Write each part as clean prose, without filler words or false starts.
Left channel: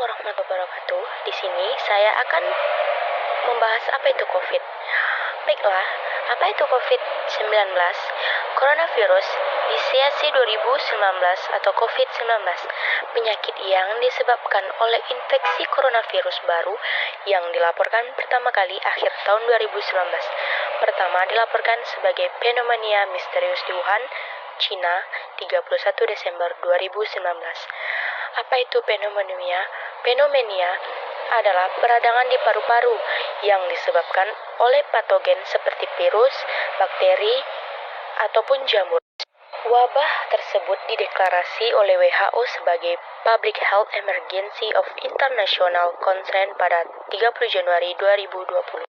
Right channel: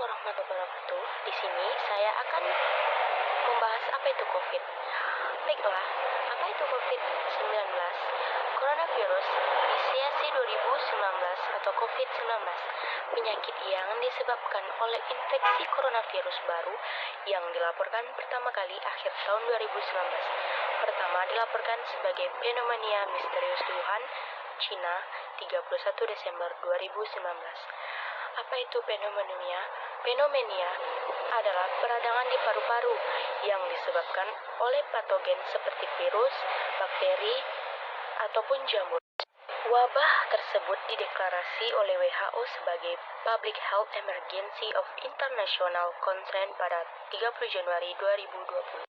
warahmatullahi wabarakatuh. Di sini saya akan membahas apa itu COVID. Baiklah, apa itu COVID-19? Coronavirus Disease 2019 atau COVID-19, penyakit yang disebabkan oleh infeksi coronavirus baru yang dilaporkan pertama kali akhir tahun 2019. Pertama dilaporkan sebagai pneumonia misterius di Wuhan, Cina, 31 Desember 2019. Apa itu pneumonia? Pneumonia adalah peradangan di paru-paru yang disebabkan oleh patogen seperti virus, bakteri, ataupun jamur. Wabah tersebut dideklarasi oleh WHO sebagai Public Health Emergency of International Concern pada 30 Januari 2020.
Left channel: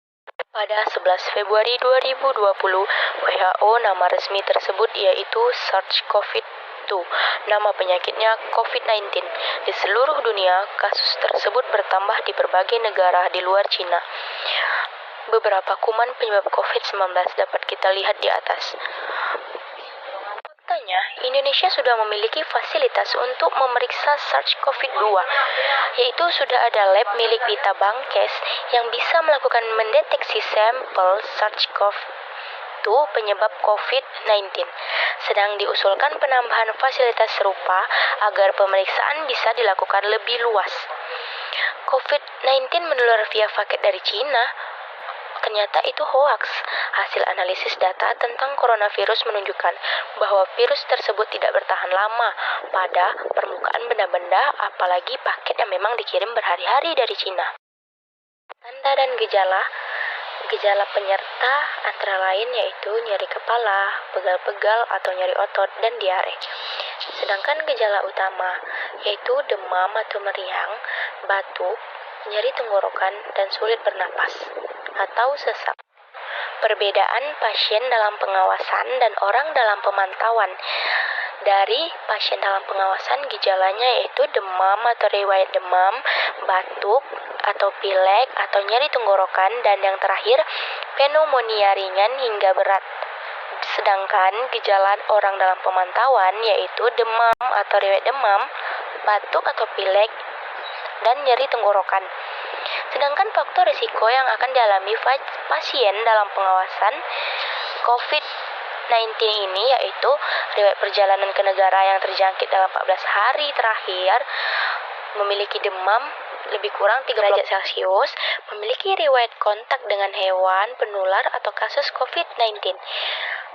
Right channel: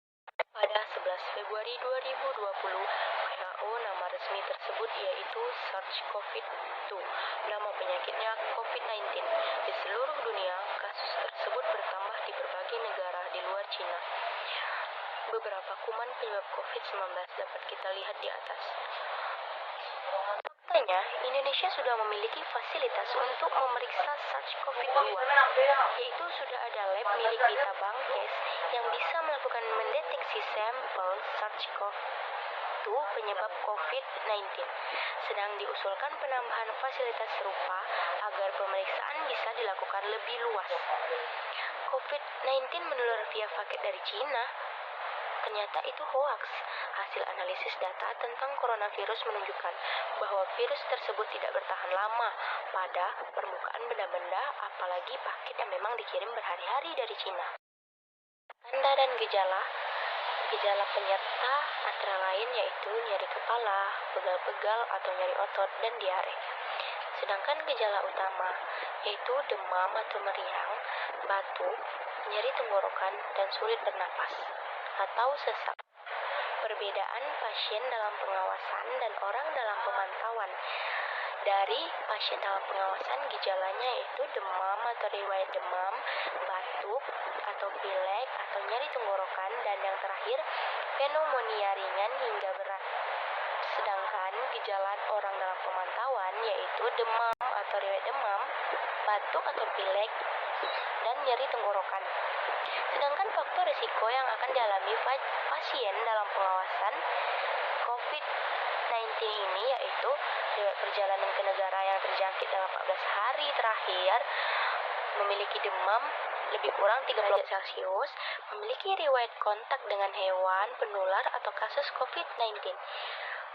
Pada 11 Februari 2020, WHO nama resmi tersebut yaitu SARS-CoV-2. Nama penyakitnya COVID-19. Di seluruh dunia, kasus tersebut bertambah di berbagai negara di luar Cina. Beberapa kuman penyebab COVID-19 dapat kita lihat di atas. Faktanya, Indonesia sudah memiliki fasilitas untuk memeriksa SARS-CoV-2, yaitu sudah ada lab milik Dita Bangkes yang bisa melakukan mendeteksi sampel SARS-CoV-2 penyebab COVID-19. Sedang diusulkan penambahan fasilitas serupa agar pemeriksaan bisa dilakukan lebih luas. COVID-19 menular via paket dari Cina. Ternyata itu hoaks. Hasil analisis data tentang coronavirus menunjukkan bahwa virus tersebut tidak bertahan lama pada permukaan benda-benda, apalagi paket yang memang dikirim berhari-hari dari Cina. Tanda dan gejala penyerta antara lain yaitu nyeri kepala, pegal-pegal atau nyeri otot, dan diare. Sedangkan gejala utama yaitu demam atau meriang, batuk, nyeri tenggorokan, dan sulit bernapas atau sesak. Perbedaan pasien dalam pengawasan dan orang dalam pemantauan. Dari pasien dalam pengawasan, gejalanya yaitu demam atau riwayat demam, batuk atau pilek atau nyeri tenggorokan, dan yang terakhir pneumonia ringan hingga berat. Sedangkan gejala orang dalam pemantauan yaitu demam atau riwayat demam, batuk atau pilek, dan nyeri tenggorokan. Sedangkan faktor risiko yang akan dialami pasien dalam pengawasan COVID-19 ini yaitu riwayat perjalanan ke negara yang terjangkit dalam 14 hari terakhir, memiliki demam lebih kurang 3 derajat Celcius, memiliki riwayat kontak dengan hewan penular atau kasus COVID-19.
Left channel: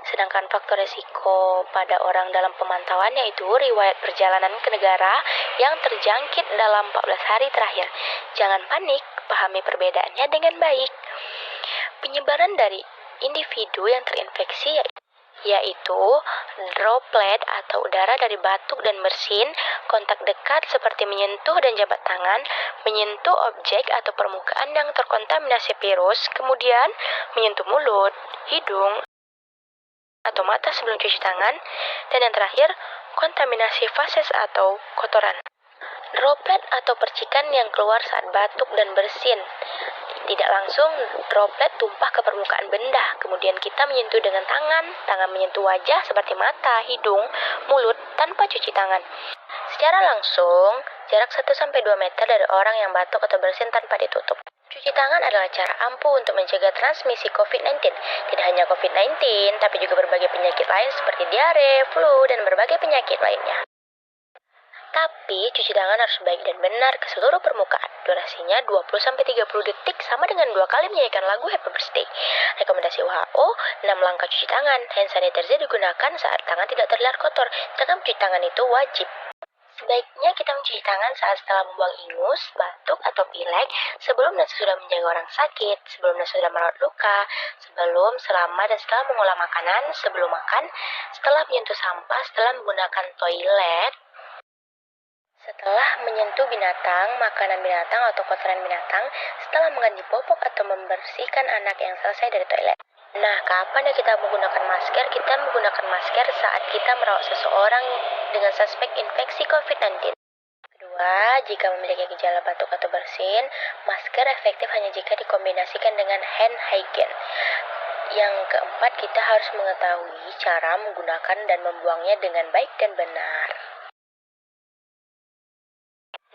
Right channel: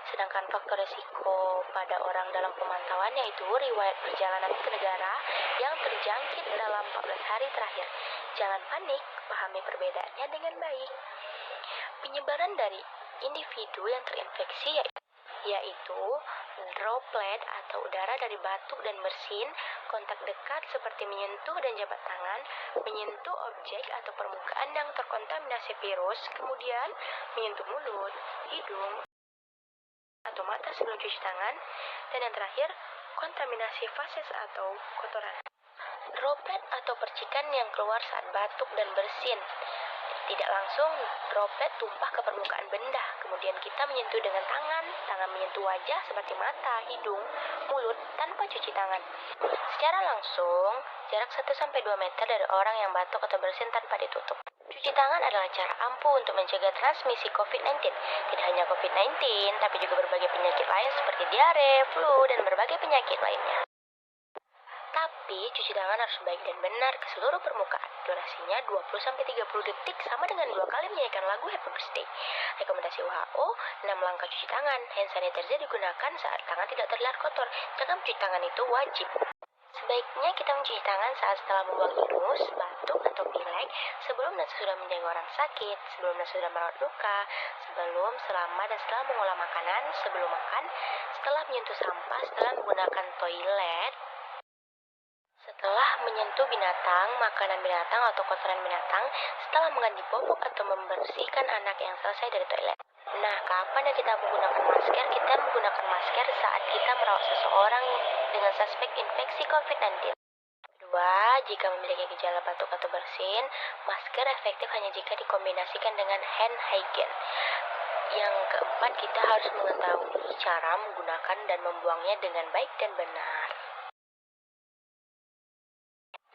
Sedangkan faktor risiko pada orang dalam pemantauan yaitu riwayat perjalanan ke negara yang terjangkit dalam 14 hari terakhir. Jangan panik, pahami perbedaannya dengan baik. Penyebaran dari individu yang terinfeksi yaitu droplet atau udara dari batuk dan bersin, kontak dekat seperti menyentuh dan jabat tangan, menyentuh objek atau permukaan yang terkontaminasi virus, kemudian menyentuh mulut, hidung, atau mata sebelum cuci tangan, dan yang terakhir, kontaminasi fases atau kotoran. Droplet atau percikan yang keluar saat batuk dan bersin. Tidak langsung, droplet tumpah ke permukaan benda, kemudian kita menyentuh dengan tangan menyentuh wajah seperti mata, hidung, mulut, tanpa cuci tangan. Secara langsung, jarak 1-2 meter dari orang yang batuk atau bersin tanpa ditutup. Cuci tangan adalah cara ampuh untuk mencegah transmisi COVID-19. Tidak hanya COVID-19, tapi juga berbagai penyakit lain seperti diare, flu, dan berbagai penyakit lainnya. Tapi, cuci tangan harus baik dan benar ke seluruh permukaan. Durasinya 20-30 detik sama dengan 2 kali menyanyikan lagu Happy Birthday. Rekomendasi WHO, 6 langkah cuci tangan. Hand sanitizer digunakan saat tangan tidak terlihat kotor. Jangan mencuci tangan itu wajib. Sebaiknya kita mencuci tangan saat setelah membuang ingus, batuk, atau pilek, sebelum dan sesudah menjaga orang sakit, sebelum dan sesudah merawat luka, sebelum, selama, dan setelah mengolah makanan, sebelum makan, setelah menyentuh sampah, setelah menggunakan toilet, setelah menyentuh binatang, makanan binatang, atau kotoran binatang, setelah mengganti popok atau membersihkan anak yang selesai dari toilet. Nah, kapan ya kita menggunakan masker? Kita menggunakan masker saat kita merawat seseorang dengan suspek infeksi COVID-19. Kedua, jika memiliki gejala batuk atau bersin, masker efektif hanya jika dikombinasikan dengan hand hygiene. Yang keempat, kita harus mengetahui cara menggunakan dan membuangnya dengan baik dan benar.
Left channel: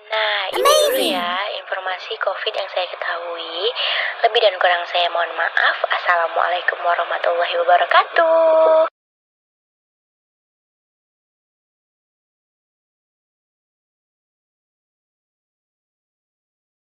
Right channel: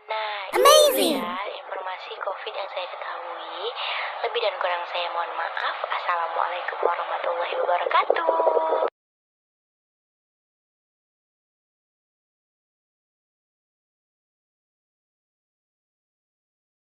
Nah, ini ya informasi COVID yang saya ketahui. Lebih dan kurang saya mohon maaf. Assalamualaikum warahmatullahi wabarakatuh.